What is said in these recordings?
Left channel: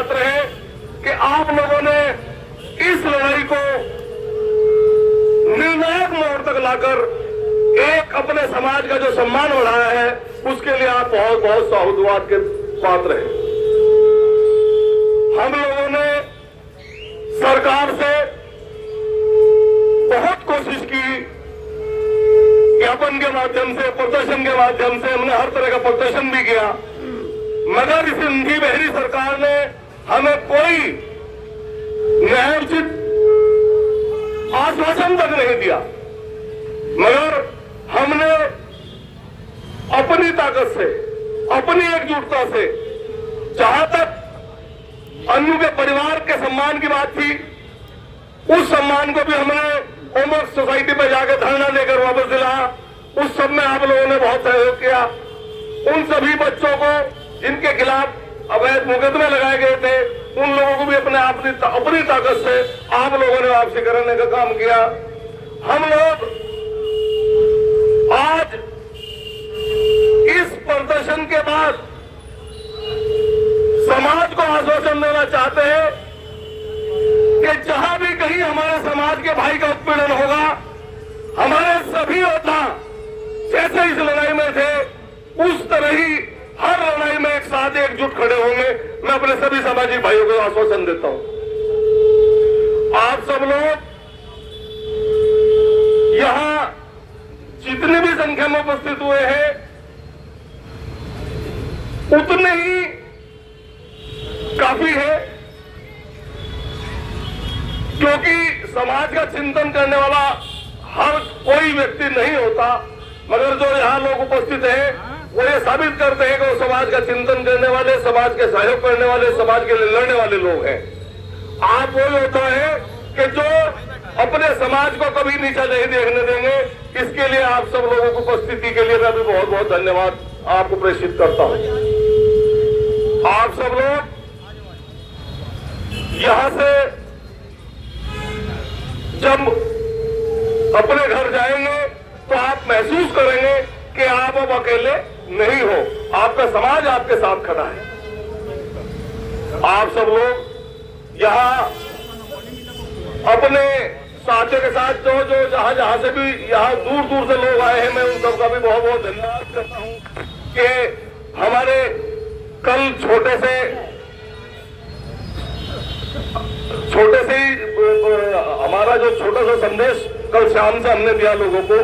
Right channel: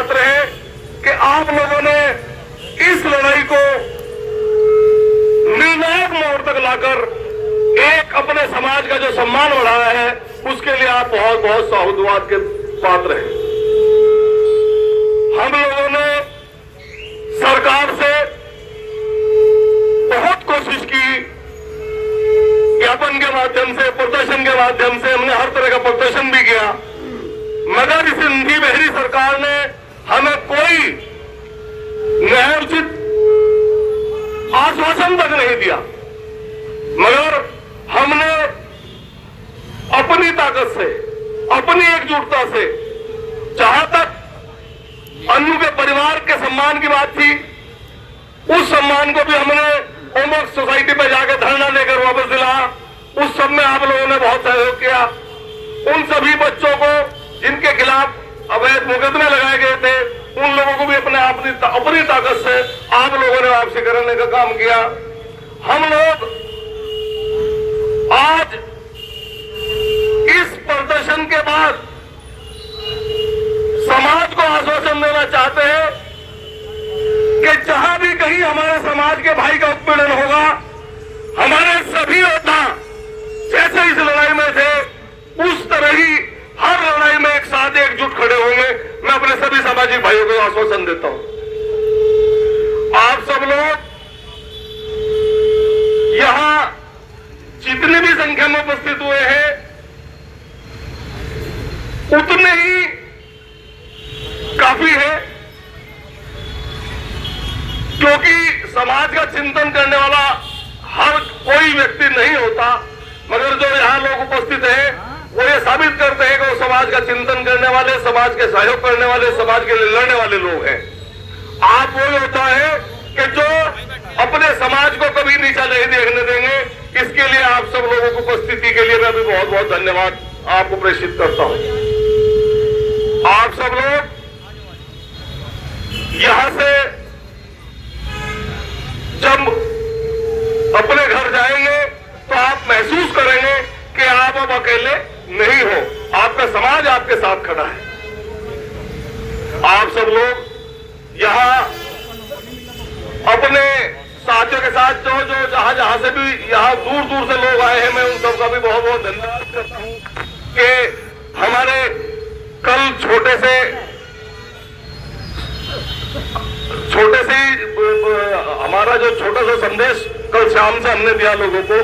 पात्र है कि आप लोगों ने इस लड़ाई को निर्णायक मोड़ तक लाकर एक अपने समाज का जो सम्मान बढ़ाया है, उसके लिए आप बहुत बहुत साधुवाद के पात्र हैं। हम लोगों ने सरकार से बहुत कोशिश की, ज्ञापन के माध्यम से, प्रदर्शन के माध्यम से, हमने हर तरह का प्रदर्शन भी किया, मगर इस हिंदी बहरी सरकार ने हमें कोई न्यायोचित आश्वासन तक नहीं दिया। मगर हमने अपनी ताकत से, अपनी एकजुटता से, जहां तक अन्नू के परिवार के सम्मान की बात थी, उस सम्मान को भी हमने ओमक सोसाइटी पे जाकर धरना देकर वापस दिलाया। उस सब में आप लोगों ने बहुत सहयोग किया। उन सभी बच्चों को जिनके खिलाफ अवैध मुकदमे लगाए गए थे, उन लोगों को भी अपनी ताकत से आप लोगों ने वापसी कराने का काम किया। हम लोग आज इस प्रदर्शन के बाद समाज को आश्वासन देना चाहते हैं कि जहां भी कहीं हमारे समाज के भाई का उत्पीड़न होगा, हमारे सभी योद्धा जैसे इस लड़ाई में थे, उस तरह ही हर लड़ाई में एक साथ एकजुट खड़े होंगे। मैं अपने सभी सामाजिक भाइयों को आश्वासन देता हूं। आप सब लोग यहां जितनी भी संख्या में उपस्थित हुए हैं, उतने ही काफी है, क्योंकि समाज का चिंतन करने वाला हर कोई व्यक्ति नहीं होता, मगर जो यहाँ लोग उपस्थित हैं वो ये साबित करते हैं कि वो समाज का चिंतन करने वाले, समाज के सहयोग करने वाले, समाज के लिए लड़ने वाले लोग हैं। आप वो होता है कि जो अपने समाज को कभी नीचा नहीं देखने देंगे। इसके लिए आप सब लोगों की उपस्थिति के लिए मैं भी बहुत बहुत धन्यवाद आपको प्रेषित करता हूं। आप सब लोग यहां से जब अपने घर जाएंगे तो आप महसूस करेंगे कि आप अब अकेले नहीं हो, आपका समाज आपके साथ खड़ा है। आप सब लोग यहां अपने साथियों के साथ जो जहां से भी यहां दूर दूर से लोग आए हैं, मैं उन सबका भी बहुत बहुत धन्यवाद करता हूं कि हमारे कल छोटे से ही हमारा जो छोटा सा संदेश कल शाम से हमने दिया लोगों को,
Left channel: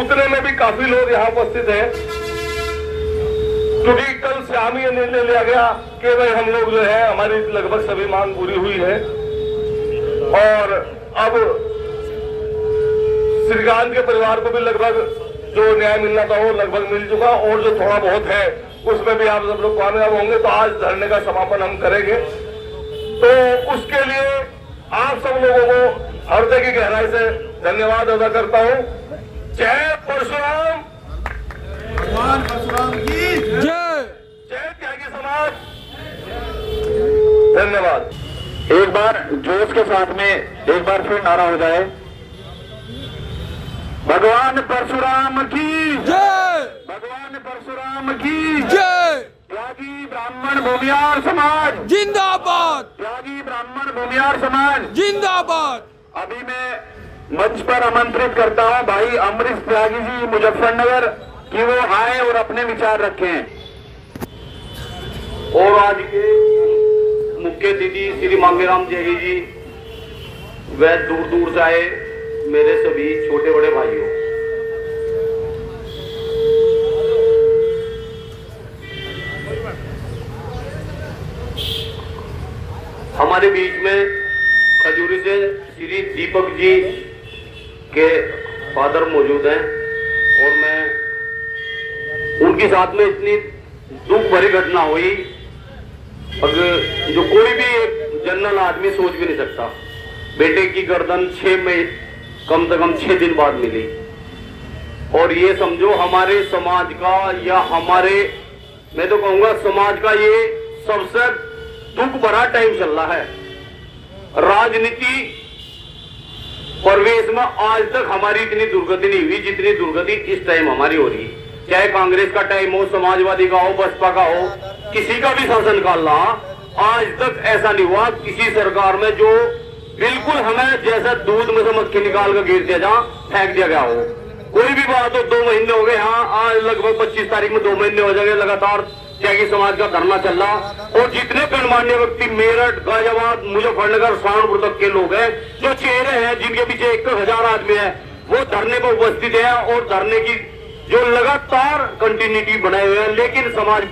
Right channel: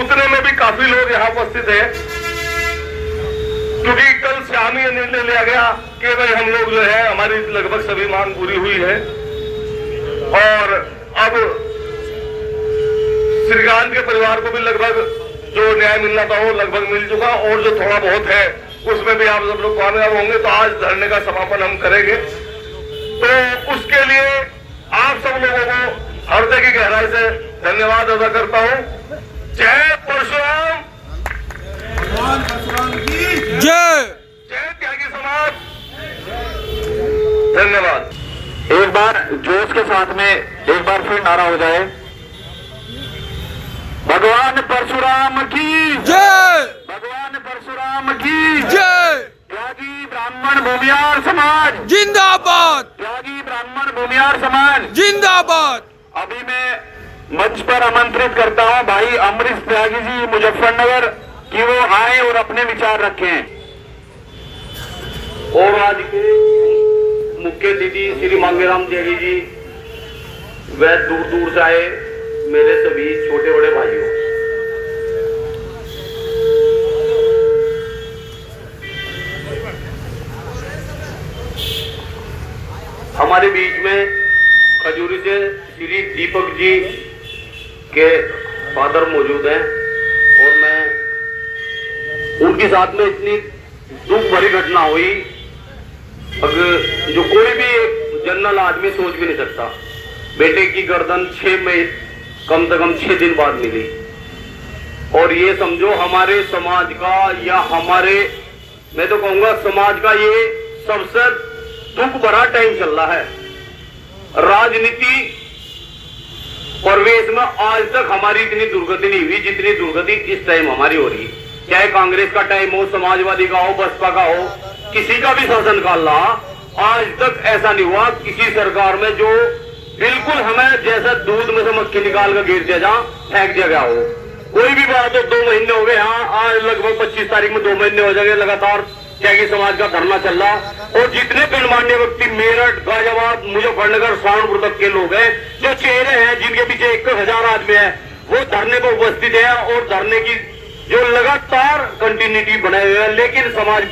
उतने में भी काफी लोग यहाँ उपस्थित हैं, क्योंकि कल शाम ही निर्णय लिया गया कि भाई हम लोग जो है, हमारी लगभग सभी मांग पूरी हुई है और अब श्रीकांत के परिवार को भी लगभग जो न्याय मिलना था वो लगभग मिल चुका, और जो थोड़ा बहुत है उसमें भी आप सब लोग कामयाब होंगे। तो आज धरने का समापन हम करेंगे, तो उसके लिए आप सब लोगों को हृदय की गहराई से धन्यवाद अदा करता हूं। जय परशुराम, भगवान परशुराम की जय, जय त्यागी समाज। धन्यवाद। एक बार जोश के साथ में एक बार फिर नारा हो जाए, भगवान परशुराम की जय, भगवान परशुराम की जय। त्यागी ब्राह्मण भूमियार समाज जिंदाबाद, त्यागी ब्राह्मण भूमियार समाज जिंदाबाद। अभी मैं मंच पर आमंत्रित करता हूं भाई अमरीश त्यागी जी मुजफ्फरनगर कि वो आए और अपने विचार रखें। और आज के मुख्य अतिथि श्री मांगेराम त्यागी जी, वह दूर दूर से आए मेरे सभी छोटे बड़े भाइयों, हमारे बीच में खजूरी से श्री दीपक जी के फादर मौजूद हैं, और मैं उनके साथ में इतनी दुख भरी घटना हुई, अब जो कोई भी जनरल आदमी सोच भी नहीं सकता। बेटे की गर्दन 6 में कम से कम 6 दिन बाद मिली, और ये समझो हमारे समाज का, या हमारे, मैं तो कहूंगा समाज का ये सबसे दुख भरा टाइम चल रहा है। राजनीति परिवेश में आज तक हमारी इतनी दुर्गति नहीं हुई जितनी दुर्गति इस टाइम हमारी हो रही। चाहे कांग्रेस का टाइम हो, समाजवादी का हो, बसपा का हो, किसी का भी शासन काल रहा, आज तक ऐसा नहीं हुआ किसी सरकार में जो बिल्कुल हमें जैसा दूध में से मक्खी निकाल कर गिर दिया जहाँ फेंक दिया गया हो। कोई भी बात हो 2 महीने हो गए, हाँ आज लगभग 25 तारीख में 2 महीने हो जाएंगे लगातार त्यागी समाज का धरना चल रहा। और जितने गणमान्य व्यक्ति मेरठ, गाजियाबाद, मुजफ्फरनगर, सहारनपुर तक के लोग हैं, जो चेहरे हैं जिनके पीछे 1,000 आदमी है, वो धरने पर उपस्थित है और धरने की जो लगातार कंटिन्यूटी बनाए हुए हैं। लेकिन समाज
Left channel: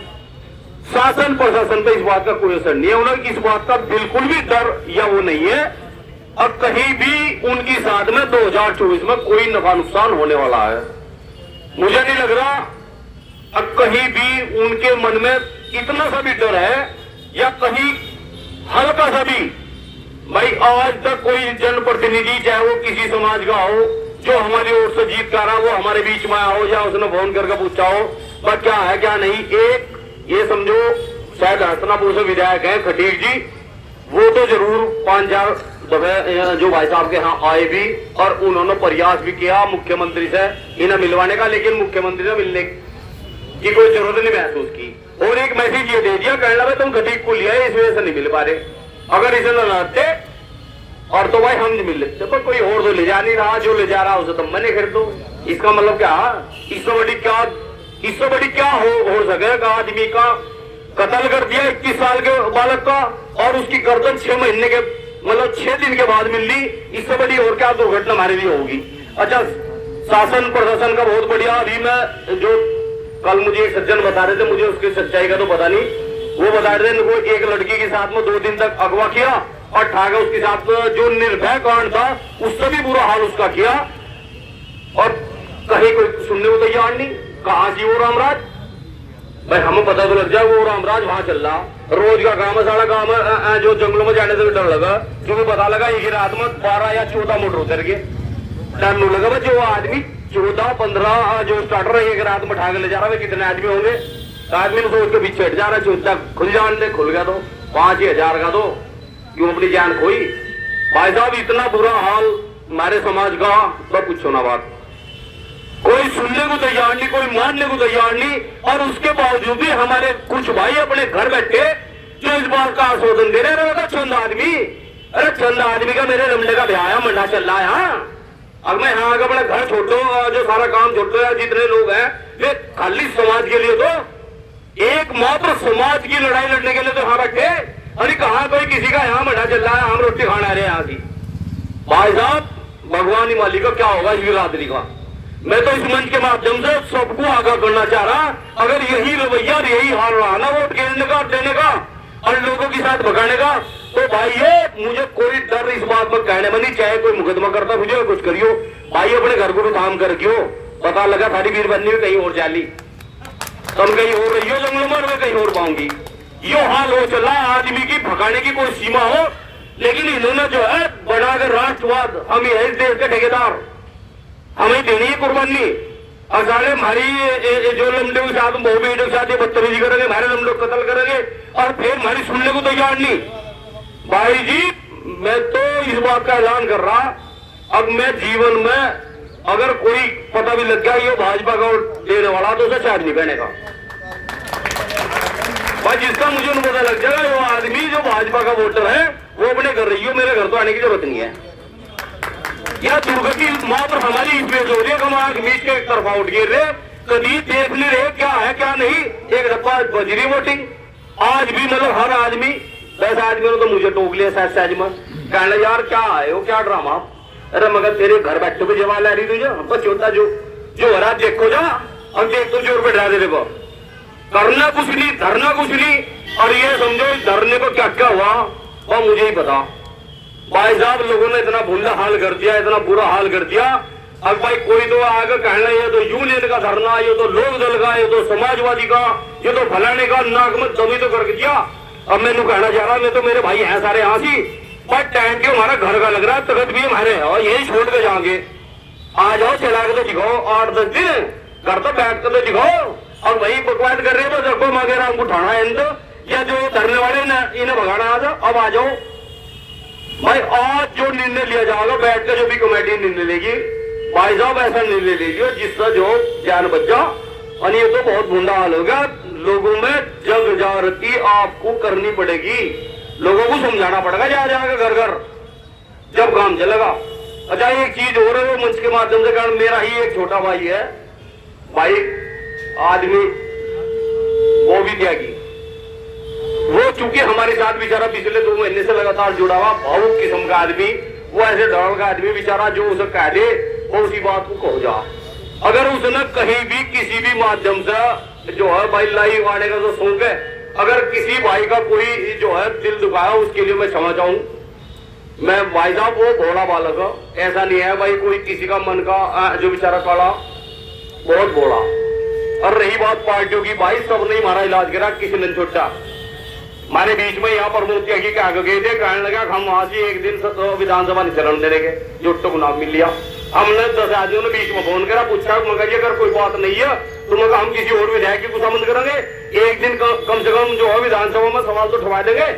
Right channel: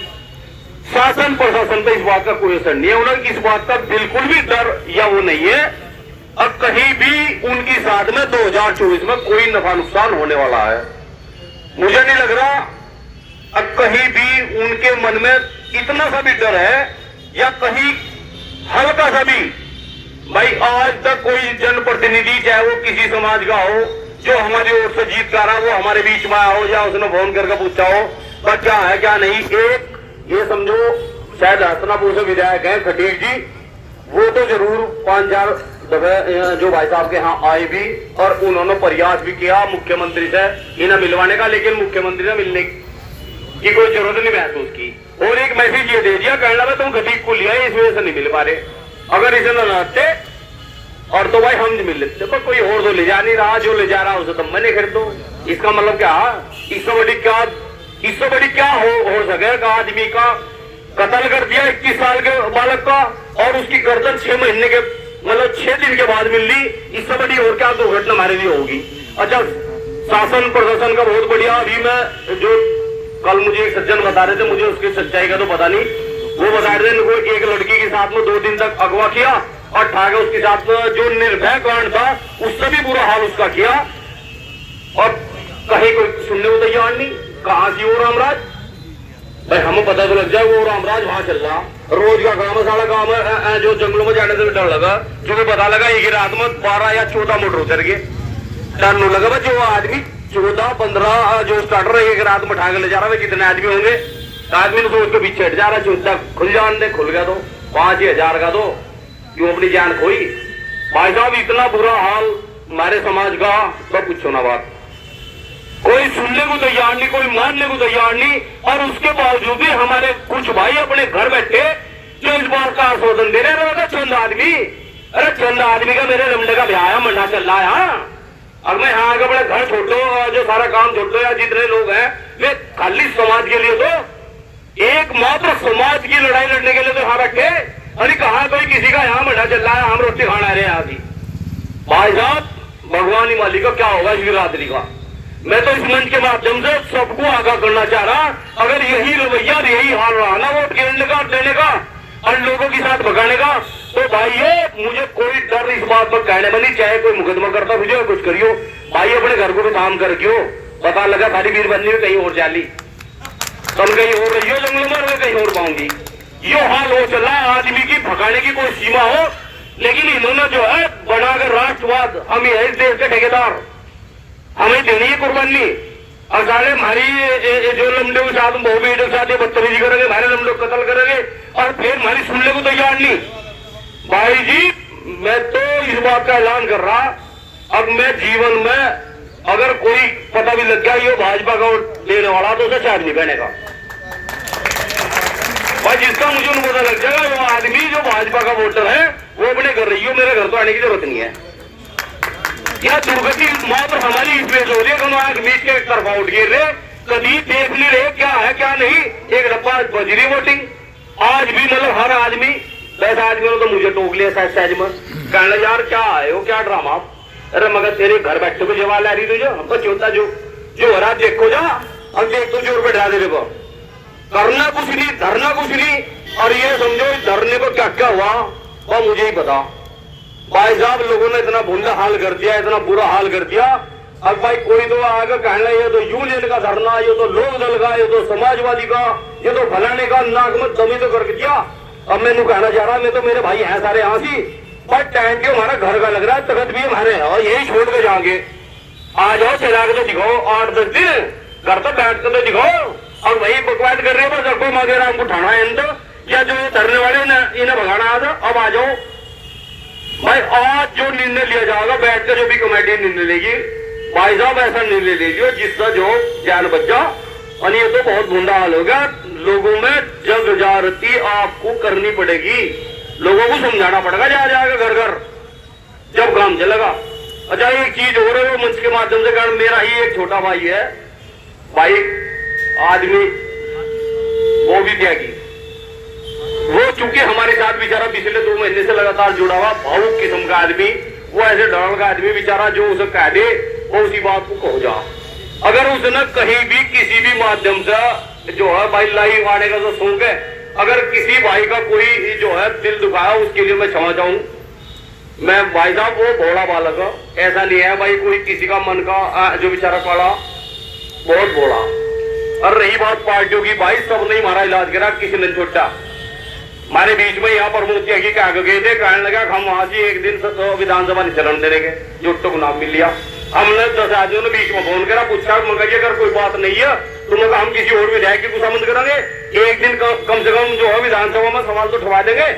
शासन प्रशासन पे इस बात का कोई असर नहीं है, उन्हें इस बात का बिल्कुल भी डर या वो नहीं है। अब कहीं भी उनकी साथ में 2024 में कोई नफा नुकसान होने वाला है, मुझे नहीं लग रहा। अब कहीं भी उनके मन में इतना सा भी डर है या कहीं हल्का सा भी, भाई आज तक कोई जनप्रतिनिधि चाहे वो किसी समाज का हो जो हमारी ओर से जीत कर रहा वो हमारे बीच में आया हो या उसने फोन करके पूछा हो पर क्या है क्या नहीं। एक ये समझो शायद हसनापुर से विधायक है खटीक जी, वो तो जरूर 5-4 दफे जो भाई साहब के यहाँ आए भी और उन्होंने प्रयास भी किया मुख्यमंत्री से इन्हें मिलवाने का, लेकिन मुख्यमंत्री ने मिलने की कोई जरूरत नहीं महसूस की। और एक मैसेज ये दे दिया कहना है तुम खटीक को लिया इस वजह से नहीं मिल पा रहे, अगर इसे न लाते और तो भाई हम नहीं मिल लेते पर कोई और तो ले जा नहीं रहा, जो ले जा रहा उसे तुम मैंने खरीदो। इसका मतलब क्या, इससे बड़ी क्या हो सके एक आदमी का कत्ल कर दिया 21 साल के बालक का और उसकी गर्दन 6 महीने के मतलब 6 दिन के बाद मिल ली, इससे बड़ी और क्या दुर्घटना हमारे लिए होगी। अच्छा शासन प्रशासन का बहुत बढ़िया। अभी मैं जो कल मुझे एक सज्जन बता रहे थे, मुझे उसकी सच्चाई का तो पता नहीं, वो बता रहे थे उनको एक लड़की के साथ में 2 दिन तक अगवा किया और ठाके उसके साथ में जो निर्भय कांड था उससे भी बुरा हाल उसका किया और कहीं कोई सुनने को तैयार नहीं। कहां से वो रामराज, भाई हमें पता तो लग जाए वो रामराज वहां चल रहा, रोज का काम है, सारा काम है। जो जंगलों में जाने से डर लगा, जो पता लगा एक रात में 12 या 14 मोटर उतर गए, डर नहीं लगा जो आदमी 14-15 जो स्टार्टर एक रात में उठा के ले जा रहा है कितने आदमी होंगे। आदमी ने तो उसके पीछे हट जा रहा है, चुनता खुल जान दे, खुल गया तो 5,000 का तो क्यों अपनी जान खोई। भाई साहब इतना बुरा हाल हमारे समाज का तो पूछो ना बात, कोई सुनने को तैयार नहीं, कोई मानने को तैयार नहीं। और उसके बावजूद भी हमारे कुछ भाई अपने घर बैठे जो इस बात का आश्वासन दे रहे हैं चंद आदमी, अरे चंद आदमी का मेरे लमडे का ब्याह मंडा चल रहा है। अब मैं यहाँ आगे बड़ा घर छोड़ दो, जो सारा काम छोड़ दो, जितने लोग हैं वे खाली समाज के लिए तो एकमात्र समाज की लड़ाई लड़ने के लिए तो यहाँ बैठे। अरे कहा कोई किसी का यहाँ मंडा चल रहा है, हम रोटी खाना रहे यहाँ भी। भाई साहब भगवान ही मालिक का क्या होगा इस बिरादरी का। मैं तो इस मंच के माध्यम से सबको आगाह करना चाह रहा, अगर यही रवैया यही हाल रहा ना वोट गिरने का देने का और लोगों के साथ भगाने का, तो भाई ये मुझे कोई डर इस बात में कहने में नहीं, चाहे कोई मुकदमा करता मुझे कुछ करियो भाई, अपने घर को भी काम कर क्यों पता लगा सारी बीरबंदी में कहीं और जाली तुम कहीं और रही हो जंगलों में, मैं कहीं और पाऊंगी। यो हाल हो चला आदमी की भगाने की कोई सीमा हो, लेकिन इन्होंने जो है बनाकर राष्ट्रवाद, हम यही देश के ठेकेदार, हमें देनी है कुर्बानी। और सारे हमारी जो लमडे के साथ बहुबेटे के साथ बदतमीजी करेंगे, हमारे लमडे को कत्ल करेंगे और फिर हमारी सुनने को तैयार नहीं। भाई जी मैं तो इस बात का ऐलान कर रहा, अब मैं जीवन में अगर कोई पता भी लग गया ये भाजपा का वोट देने वाला तो उसे शायद नहीं बहने का, और जिसका मुझे नहीं पता लग जाएगा वो आदमी जो भाजपा का वोटर है वो अपने घर रही हो, मेरे घर तो आने की जरूरत नहीं है। यह दुर्गति मात्र हमारी इसमें हो रही है, हम आग मीच के एक तरफा उठ गिर रहे, कभी देख नहीं रहे क्या है क्या नहीं। एक रप्पा बजरी वोटिंग आज भी मतलब हर आदमी वैसा आदमी तो मुझे टोक लिया सहज में, कहना यार क्या है वो क्या ड्रामा। अरे मगर तेरे घर बैठे को जवाब आ रही तुझे, हमको चौथा जो हरा देखो जा, अब देख तो जोर बैठा दे देखो, करना कुछ नहीं धरना कुछ नहीं। और ये समझो धरने को क्या क्या हुआ वो मुझे ही पता। भाई साहब लोगों ने इतना बुरा हाल कर दिया, इतना बुरा हाल कर दिया। अब भाई कोई तो आगे कहना ये तो यूनियन का धरना, ये तो लोक दल का, ये तो समाजवादी का, ये तो फलाने का, नाक में दमी तो करके दिया। अब मैंने कहना चाह रहा, मैं तो मेरे भाई हैं सारे यहाँ सी, पर टाइम के हमारा घर का लग रहा है, तकत भी हमारे यही छोड़ के जाओगे। आ जाओ चला के तो दिखाओ 8-10 दिन घर पर बैठ कर तो दिखाओ, और वही बकवाद कर रहे हो तो सबको मगर हमको उठाना है इनको, या जो धरने वाले इन्हें भगाना आ जाओ। अब आ जाओ भाई, आज जो निर्णय लिया जाएगा बैठ कर जो भी कमेटी निर्णय लेगी, भाई साहब ऐसा निर्णय लीजिए जिसका जो जान बच जा, और ये तो बहुत बुरा हाल होगा। लोगों में जंग जारती आपको करनी पड़ेगी, लोगों को समझाना पड़ेगा जा जाकर घर घर, जब काम चलेगा। अच्छा एक चीज हो रही है, वो मंच के माध्यम से कारण मेरा ही एक छोटा भाई है, भाई आदमी वो भी त्यागी, वो चूंकि हमारे साथ बेचारा पिछले 2 महीने से लगातार जुड़ा हुआ भावुक किस्म का आदमी, वो ऐसे डर का आदमी बेचारा, जो उसे कह दे वो उसी बात को कहो जा। अगर उसने कहीं भी किसी भी माध्यम से जो है भाई लाइव आने का तो शौक है, अगर किसी भाई का कोई जो है दिल दुखाया उसके लिए मैं क्षमा चाहूँ। मैं भाई साहब वो भोला बालक है, ऐसा नहीं है भाई कोई किसी का मन का जो बेचारा काला बहुत भोला। और रही बात पार्टियों की, भाई सब ने हमारा इलाज करा, किसी ने छोटा हमारे बीच में यहाँ पर मूर्ति की क्या गए थे, कहने लगा हम वहां से एक दिन विधानसभा नहीं चरण देने के, जो तो नाम मिल लिया। हमने 10 आदमियों ने बीच में फोन करा, पूछा अगर कोई बात नहीं है तो उन्होंने हम किसी और विधायक की खुशामद करेंगे, एक दिन कम से कम जो है विधानसभा में सवाल तो उठवा देंगे।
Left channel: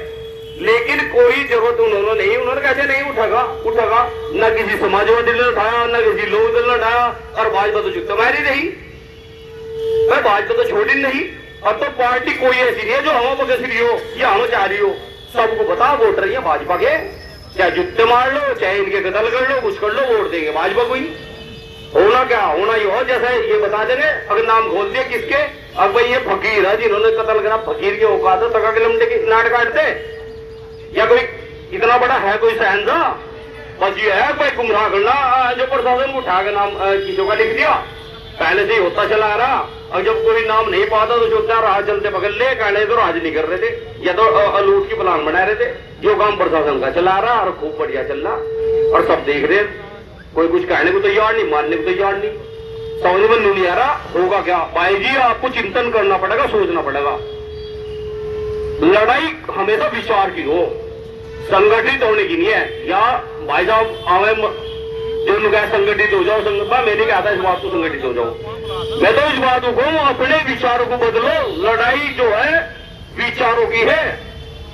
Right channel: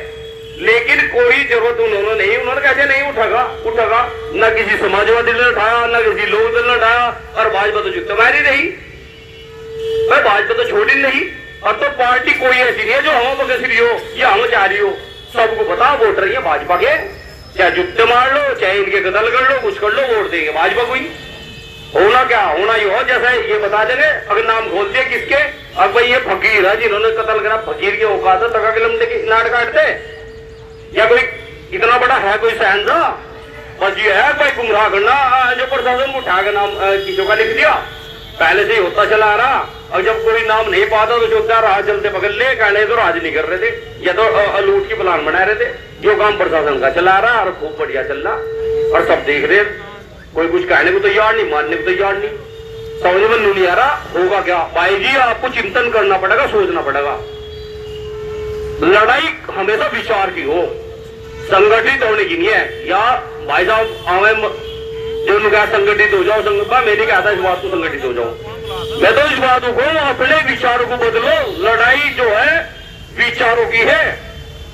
लेकिन कोई जरूरत उन्होंने नहीं, उन्होंने कैसे नहीं उठेगा, न किसी समाजवादी ने उठाया, न किसी लोग ने उठाया, और भाजपा तो जुत्ते मारी रही, भाजपा तो छोड़ी नहीं। अब तो पार्टी कोई ऐसी नहीं है जो हम बगस रही हो या हम चाह रही हो, सबको पता वोट रही है भाजपा के, चाहे जुत्ते मार लो, चाहे इनके कत्ल कर लो, कुछ कर लो, वोट देंगे भाजपा को ही। होना क्या होना ही हो, जैसा ये बता देंगे। अगर नाम खोल दिए किसके, अब भाई ये फकीर है जिन्होंने कत्ल करा, फकीर के औकात है तका के लमटे के नाट काटते, या कोई इतना बड़ा है कोई सहनसा, बस ये है भाई गुमराह करना, जो प्रशासन को उठा के नाम किसी का लिख दिया, पहले से ही होता चला आ रहा। और जब कोई नाम नहीं पाता तो जो क्या राह चलते पकड़ ले, कहने तो राज नहीं कर रहे थे, या तो लूट की प्लान बना रहे थे, जो काम प्रशासन का चला रहा और खूब बढ़िया चल रहा, और सब देख रहे, कोई कुछ कहने को तैयार नहीं, मानने को तैयार नहीं, समझ में नहीं आ रहा होगा क्या। भाई जी आपको चिंतन करना पड़ेगा, सोचना पड़ेगा। लड़ाई हमेशा विचार की हो, संगठित होने की नहीं है। या भाई साहब आवे जो कहा संगठित हो जाओ, मैं नहीं कहता इस बात को संगठित हो जाओ, मैं तो इस बात को अपने विचारों को बदलो। लड़ाई जो है विचारों की है,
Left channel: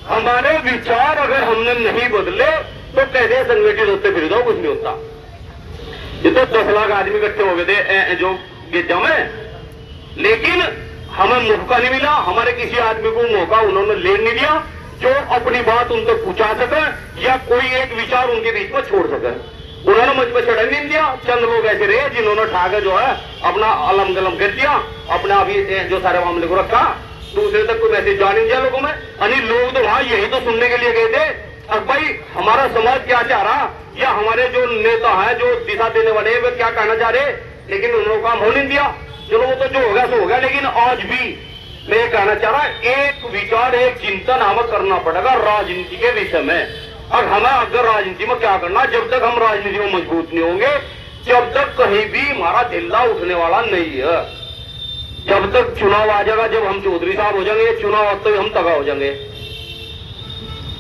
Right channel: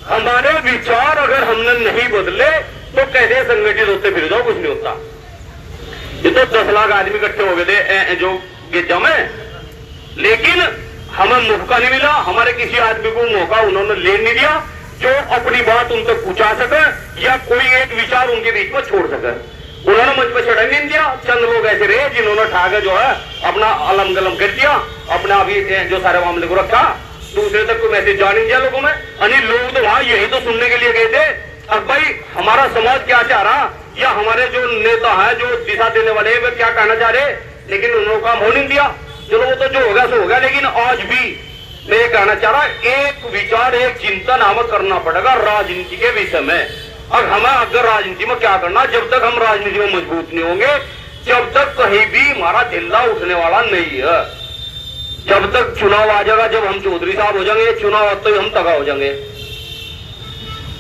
हमारे विचार अगर हमने नहीं बदले तो कैसे संगठित होते फिर जाओ, कुछ नहीं होता। ये तो 10 लाख आदमी इकट्ठे हो गए थे जो गिरजा में, लेकिन हमें मौका नहीं मिला, हमारे किसी आदमी को मौका उन्होंने ले नहीं दिया जो अपनी बात उन तक पहुंचा सके या कोई एक विचार उनके बीच में छोड़ सके। उन्होंने मुझ पर चढ़ा नहीं दिया। चंद लोग ऐसे रहे जिन्होंने ठाकर जो है अपना अलम गलम कर दिया, अपने अभी जो सारे मामले को रखा, दूसरे तक कोई मैसेज जा नहीं दिया लोगों में। अनिल लोग तो वहां यही तो सुनने के लिए गए थे, अब भाई हमारा समाज क्या चाह रहा या हमारे जो नेता है जो दिशा देने वाले वे क्या कहना चाह रहे, लेकिन उन्होंने काम हो नहीं दिया। चलो वो तो जो होगा सो होगा, लेकिन आज भी मैं ये कहना चाह रहा, एक विचार एक चिंतन हमें करना पड़ेगा राजनीति के विषय में। और हमें अगर राजनीति में क्या करना, जब तक हम राजनीति में मजबूत नहीं होंगे, जब तक कहीं भी हमारा जिला उठने वाला नहीं है, जब तक चुनाव आ जाएगा, जब हम चौधरी साहब हो जाएंगे, चुनाव तो हम तगा हो जाएंगे।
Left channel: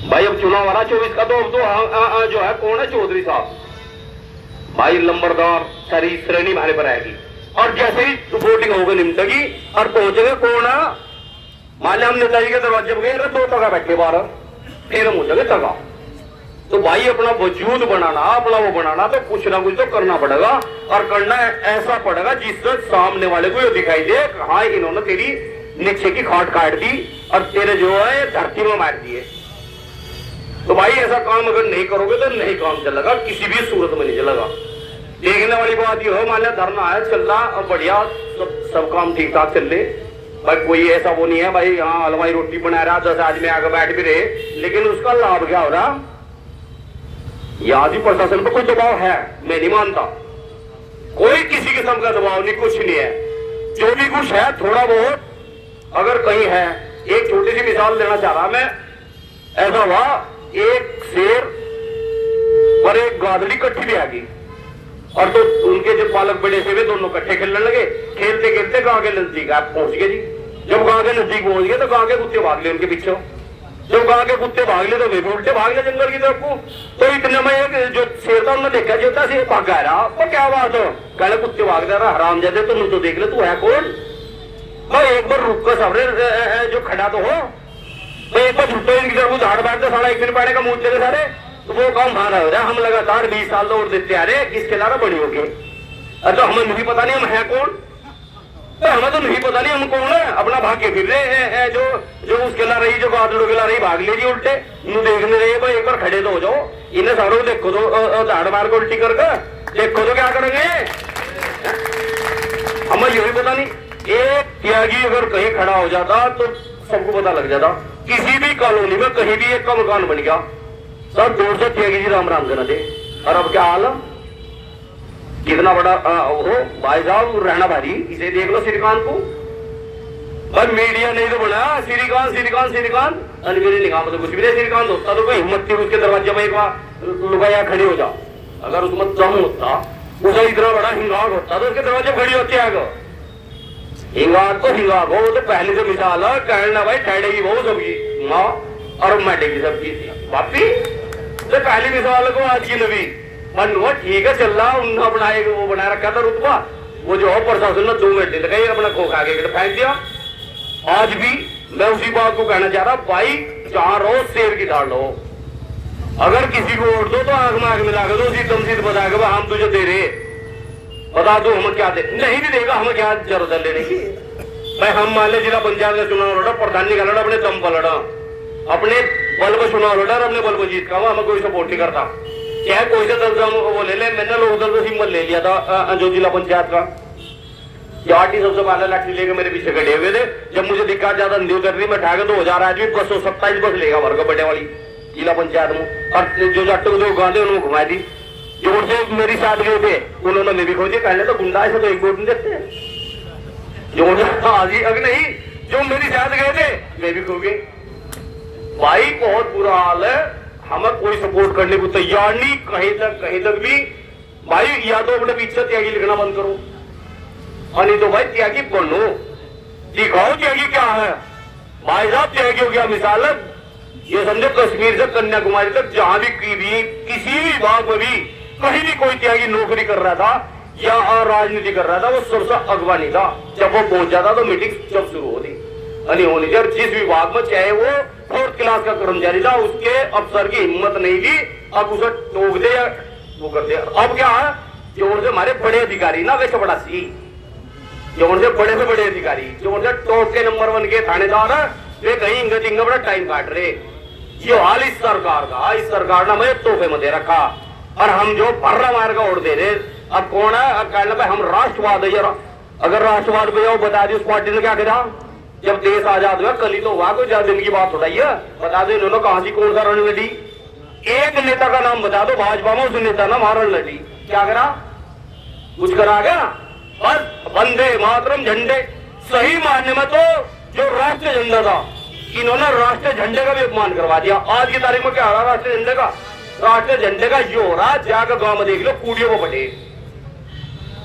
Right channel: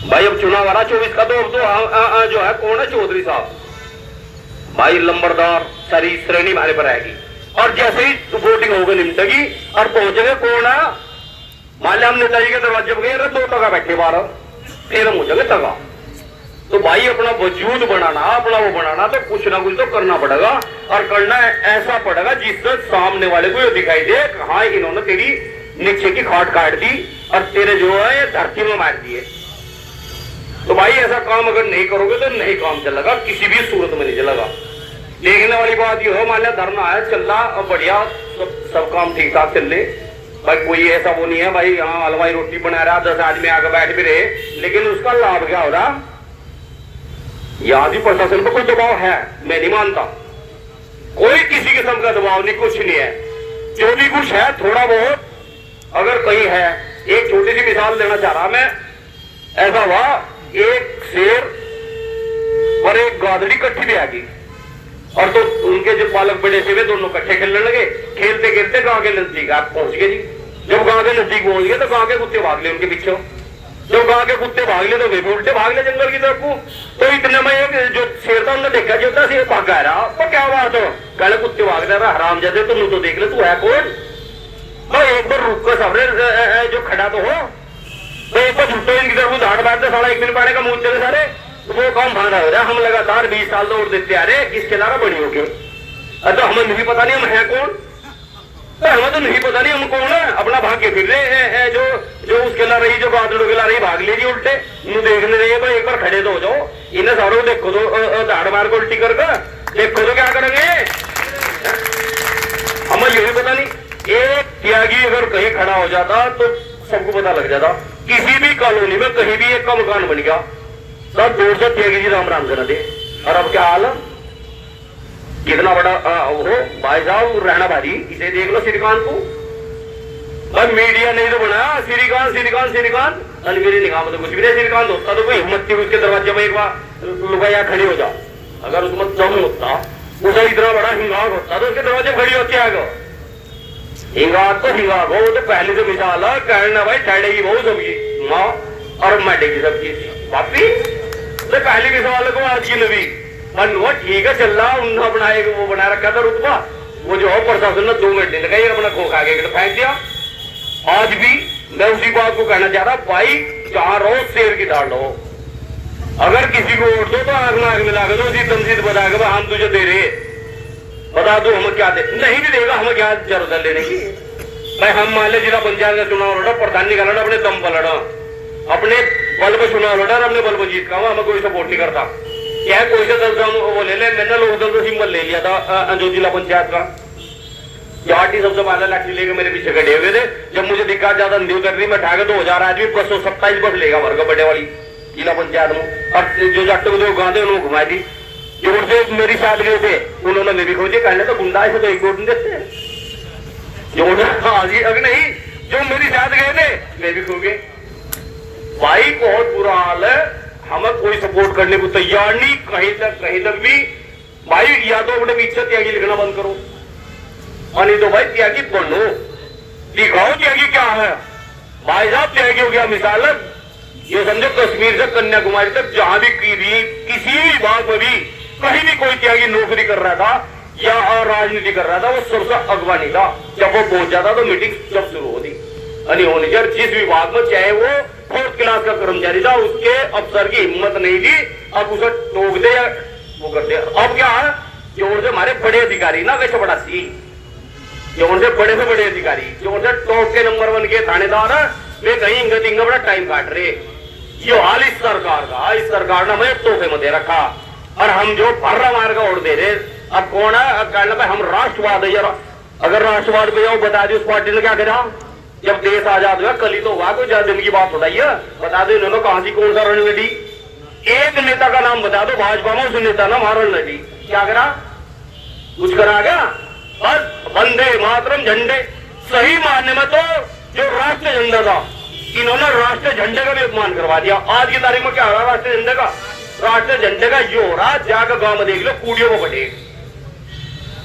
भाई अब चुनाव आ रहा 24 का, तो अब तो जो है कौन है चौधरी साहब, भाई लंबरदार सारी श्रेणी हमारे पर आएगी। और जैसे ही वोटिंग होगा निमटेगी और पहुंचेंगे कौन है, मान लिया हम नेताजी के दरवाजे पर गए, 2 टका बैठे बाहर, फिर हम हो जाएंगे तगा। तो भाई अपना वजूद बनाना, अपना वो बनाना, तो कुछ ना कुछ तो करना पड़ेगा, और करना ऐसा पड़ेगा जिससे सामने वाले को ये दिखाई दे हाँ इन्होंने तेरी नीचे की खाट काट दी और तेरे जो है धरती में मार दिए। तो भाई ऐसा काम अगर नहीं करोगे तो नहीं काम चलेगा, किसी भी सूरत में नहीं चलेगा। देखने वाली बात ये हो, मान लिया धरना है चल रहा और बढ़िया सब काम ठीक ठाक चल रहे, भाई कोई ऐसा वो नहीं है भाई यहाँ हलवाई रोटी बना रहा, 10 आदमी आगे बैठ भी रहे, लेकिन उसका लाभ क्या हो रहा, यहाँ भी प्रशासन पर कोई दबाव है, मैं नहीं मानता, कोई किसी किस्म का दबाव नहीं, कुछ नहीं है। जो भी कुछ है थोड़ा बहुत अगर कहीं है, एक छोटी सी मिसाल देना चाह रहा मैं, ऐसा हुआ एक शेर और एक गादड़ी इकट्ठी भी आ गई, और तो उनके जो पालक बड़े थे दोनों इकट्ठे खेलने लगे, खेलते खेलते गांव के नजदीक पहुंच गए जी। जब गांव के नजदीक पहुंच गए तो गांव के कुत्ते भाग ले उनके पीछे, जब गांव के कुत्ते भाग ले तो वे भी उल्टे भाग ले जंगल की तरफ को। तो इतने में एक जो शेर था उन्होंने देखा जो था शेर भाग रहा, तो क्या बात हो, कहले कुत्ते भाग रहा हराम जाते, तुम तो देख ले तू है कौन, तो एक बार रुक कर सामने जो खड़ा तो हो, तो एक बार झुटो इनकी तरफ धाड़ मारते सारा एक दिन पाने का मुंह चले सारे, वो काम भागा हो रहा। हम लगातार 20 साल तो देते आ रहे, किसके द्वारा बड़ी होगी, तो हमें नहीं पता नहीं हम है कौन, तो हमें तो नहीं पता नहीं हम कौन है, अपना भाग के फिर रहे हैं जो जो उसके ला रही, जो बादलों के ला रही भाग ले रही उल्टे। यूं देखने रही तो एक बार खड़े तो हो जाओ, इन्हें सारों को देखो तो दाढ़ मार को उल्टी कर देखो तो क्या करेंगे, हमें ये भी पता नहीं। एक त्यागी अगर कहीं खड़ा हो जाता तो सबको पता लग जाता। किसी भी कॉलोनी में कहीं भी एक का मकान बन गया, सब जोर से त्यागी जी राम राम करते। और अब क्या हाल है, कितना बड़ा हो भाई साहब रहना भारी। इसे देख लो श्रीकांत को, अब मीडिया नहीं तो बना श्रीकांत श्रीकांत श्रीकांत, और मेरी निगाह में तो कुछ भी नहीं श्रीकांत होता तो कोई हिम्मत थी उसके दरवाजे में या खड़ी हो जा। अगर उसमें दम होता, उसे इतना बड़ा हिंगाग होता तो उसके दरवाजे खड़ी होती आगे। हिंगाग तो हिंगाग हो, तो पहले से मिसाल है कहना भाई ठहरेगी बहुत सबकी माँ और मटेगी सबकी पापी। तो पहली मिसाल को आज की नबी वो ठीक है चल रहा, उन्होंने अपना एक वो बना रखा था रुतबा, वो जो प्रशासन ने 2 मिनट नहीं लगाई, अपना खोखा के फेंक दिया। आज भी मैं उसी बात को कहना चाह रहा, भाई जहां रहो शेर की दाल लो, अगर किसी को वोट दो तो आग नाग मिला दो, उसी तमसीद बता के हम तुझे दे रहे, बता दो हमें क्या दे, नहीं भी देगा हमें क्या जरूरत लेने की। भाई हम मान ले जिला पंचायत में चुनाव लड़ा, प्रधान नहीं लड़ा, अपने दम पर लड़ा, अपने बल पे चुनाव लड़ा, अपने बल को जीत का, हमें कोई सपोर्ट नहीं करता। क्या कोई से दल वो ले ले, मैंने लोग दल को सिंबल ले लिया था जो जिला पंचायत का, जाटी सबसे पहले लाठी लेके मेरे पीछे खड़े हुए थे। जब मुझे दिक्कत ज्यादा अंधी कर रही, मैं उठा के 2000 आदमी 527 बस लेगा वर्ग बड़े वाली जिला पंचायत में, और जो जाटों को जो गांधे उन्होंने घुमा दी। जोर से मेरी साथ गए थे, उन्होंने मेरी खोजे, कहने तो गुंडा ऐसे तो एक वोट नहीं देते, जोर हाजी अगर नहीं, जो मेरी साथ गए थे मैं भी खो गए। भाई बहुत बुरा हाल है, हमें कोई सपोर्ट करने को तैयार नहीं कहीं तक भी। भाई या तो अपने पीछे त्यागी लिखना बंद करो, और नहीं तो भाई त्यागी बनो, दिखाओ त्यागी क्या है। भाई साहब त्यागी हो गया मिसाल है, ये समझो कश्मीर से कन्याकुमारी तक जहां भी किसी भी बात में भी कहीं भी कोई त्यागी नौकरी कर रहा था या राजनीति कर रहा था, वो सबसे अगवानी था। जब वो पहुंच जाता तो मीटिंग सब शुरू होती होनी चाहिए। जिस विभाग में चाहे वो 4th क्लास का कर्मचारी था, उसके अफसर की हिम्मत नहीं थी, अब उसे टोक दे वो कर दे। अब क्या है, जो उनसे हमारे बड़े अधिकारी ना वे बड़ा सी, जो उनसे बड़े से बड़े अधिकारी, जो उनसे टॉप के नंबर 1 के थानेदार है, वे कहीं इंगे बड़ा टाइम काट रहे। ये हाल इस सरकार का, इस सरकार ने हमें तोहफे में दे रखा, और हम जो भर्रा मार का वोट दे रहे। अब कौन है, अब कहना भाई हम राष्ट्रवाद है यार, अगर राष्ट्रवाद पे जाओ बता दी उस पार्टी ने क्या करा जब देश आजाद हुआ, कल ही तो हुआ, कोई ज्यादा दिन की बात होता है। बता दो इन्होंने कहां सी कौन सा रणनीति, एक नेता का नाम बता दो भाजपा में, उस नेता ना मार रणनीति क्या करा, कुछ करा क्या, बस वंदे मातरम झंडे। सही मानने में तो जो राष्ट्रीय झंडा था, इन्होंने राष्ट्रीय झंडे का भी अपमान करवा दिया। आज की तारीख में क्या हो रहा राष्ट्रीय झंडे का, राष्ट्रीय झंडे का ये हो रहा, जाकर गांव में देख लो कूड़ियों को बढ़े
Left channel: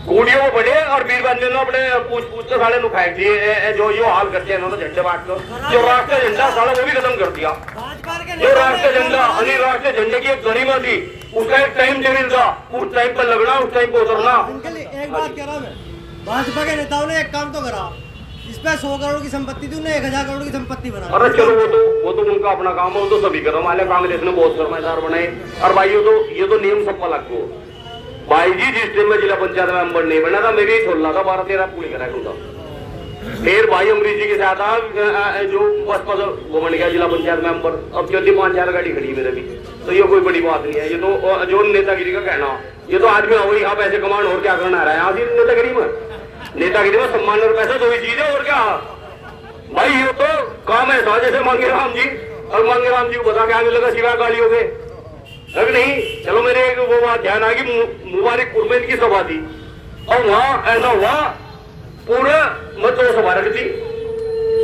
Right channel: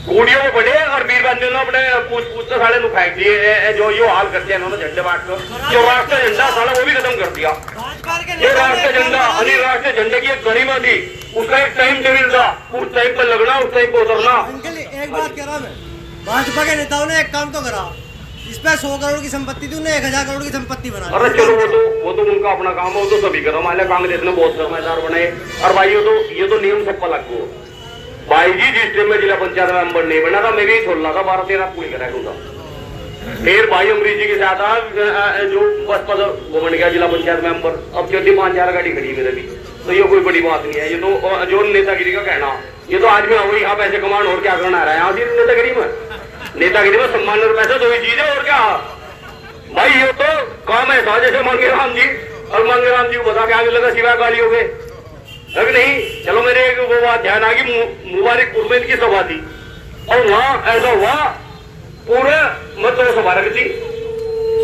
और बीर बंदे ने अपने पूछ साले नु फेंक दिए। जो यो हाल करते हैं इन्होंने झंडे बांट कर, जो राष्ट्रीय झंडा साला वो भी खत्म कर दिया। जो राष्ट्रीय झंडा अली राष्ट्रीय झंडे की एक गरिमा थी, उसका एक टाइम टेबल था, उस टाइम पर लगना, उस टाइम पर उतरना। एक बात कह रहा मैं, भाजपा के नेताओं ने एक काम तो करा, इस पे 100 करोड़ की संपत्ति थी, उन्हें 1000 करोड़ की संपत्ति बना। अरे चलो वो तो उनका अपना काम है, वो तो सभी करो, हमारे कांग्रेस ने बहुत समझदार बने। और भाई ये तो नियम सबका लागू भाई जी, जिस टाइम में जिला पंचायत मेंबर नहीं बना था, मैं भी छोड़ रहा था 12-13 पूरी करा। फिर भाई अमरीश जी के साथ जो बस वो बन गया जिला पंचायत मेंबर, अब जल्दी 5-4 गाड़ी खड़ी मेरे भी, तो ये कोई बड़ी बात नहीं है। ये तो जो नेतागिरी का कहना, ये तो आदमी आओ यहाँ पैसे कमान और क्या करना रहा है, आज नेतागिरी में सम्मान और पैसा जो भी चीज है, और क्या भाई ये तो काम है। जैसे मांगे राम जी, और मांगे राम जी को बता के आगे लगा सिवा गाली हो गए, अगर नहीं चलो मेरे वो बात ध्यान आ गई, मुबारकपुर में इनकी सभा थी, और वहां ऐसा हुआ पूरा मतलब सभा रखी थी,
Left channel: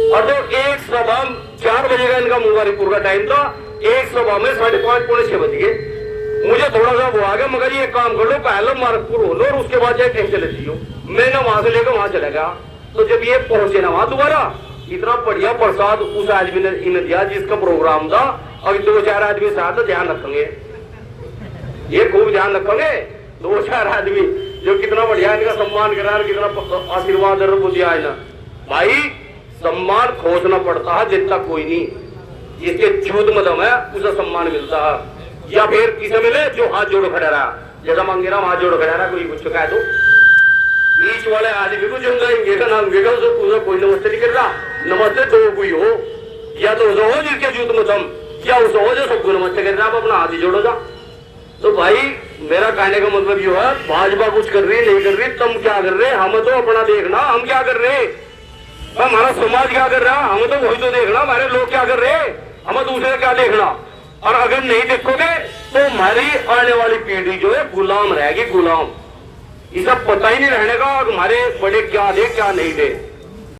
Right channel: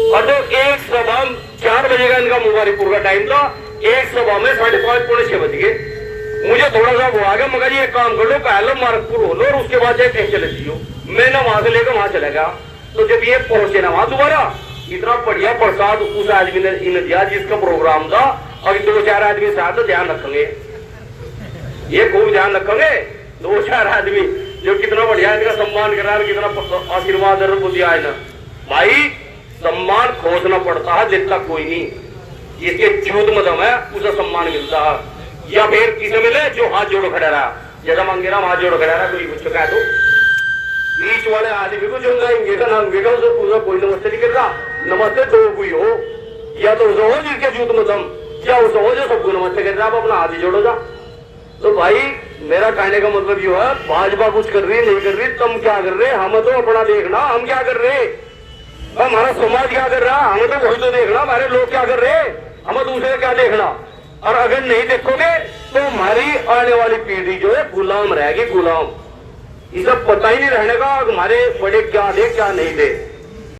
और तो एक सभा 4 बजे का इनका मुबारकपुर का टाइम था, एक सभा में 5:30-6 बज गए। मुझे थोड़ा सा वो आ गया, मगर ये काम कर लो पहले मुबारकपुर हो लो, और उसके बाद एक कहीं चले जियो। मैं ना वहां से लेकर वहां चला गया, तो जब ये पहुंचे ना वहां दोबारा, इतना बढ़िया प्रसाद उस आदमी ने इन्हें दिया जिसका प्रोग्राम था, और 2-4 आदमी साथ ध्यान रखेंगे, ये खूब ध्यान रखोगे, 2-4 आदमी जो कितना बढ़िया इनका सम्मान करा, कितना आशीर्वाद दिया है ना। भाई सम्मान खोजना पड़ता है, जितना कोई नहीं, जिसके चूत में दम है उसे सम्मान मिलता है, या फिर किसे मिले जो हाथ जोड़ खड़ा रहा, ज्यादा मांगे रहा हाथ जोड़ खड़ा रहा, कोई कुछ कह दो बीच वाले आदमी को जंगाएंगे का नाम विगल से पूरा कोई नमस्ते नहीं कर रहा। नमस्ते दो कोई हो, या तो उसे हो जिसके जूत में दम, या उसे हो जो सबको नमस्ते कर रहा। आप अपना हाथ ही जोड़ो जा। तो भाई मेरा कहने का मतलब ये है, भाजपा कुछ कर रही नहीं कर रही, तुम क्या कर रहे, हम तो अपना देखना हम क्या कर रहे, हमारा समाज क्या कर रहा, हमें तो वही तो देखना, हमारे लोग क्या कर रहे, हमें दूसरे क्या देखना। और अगर नहीं देखोगे तो हमारी आने वाली पीढ़ी जो है गुलाम रहेगी, गुलाम। ये सब पता ही नहीं रहने का हमारे बड़े क्या दे क्या नहीं दे।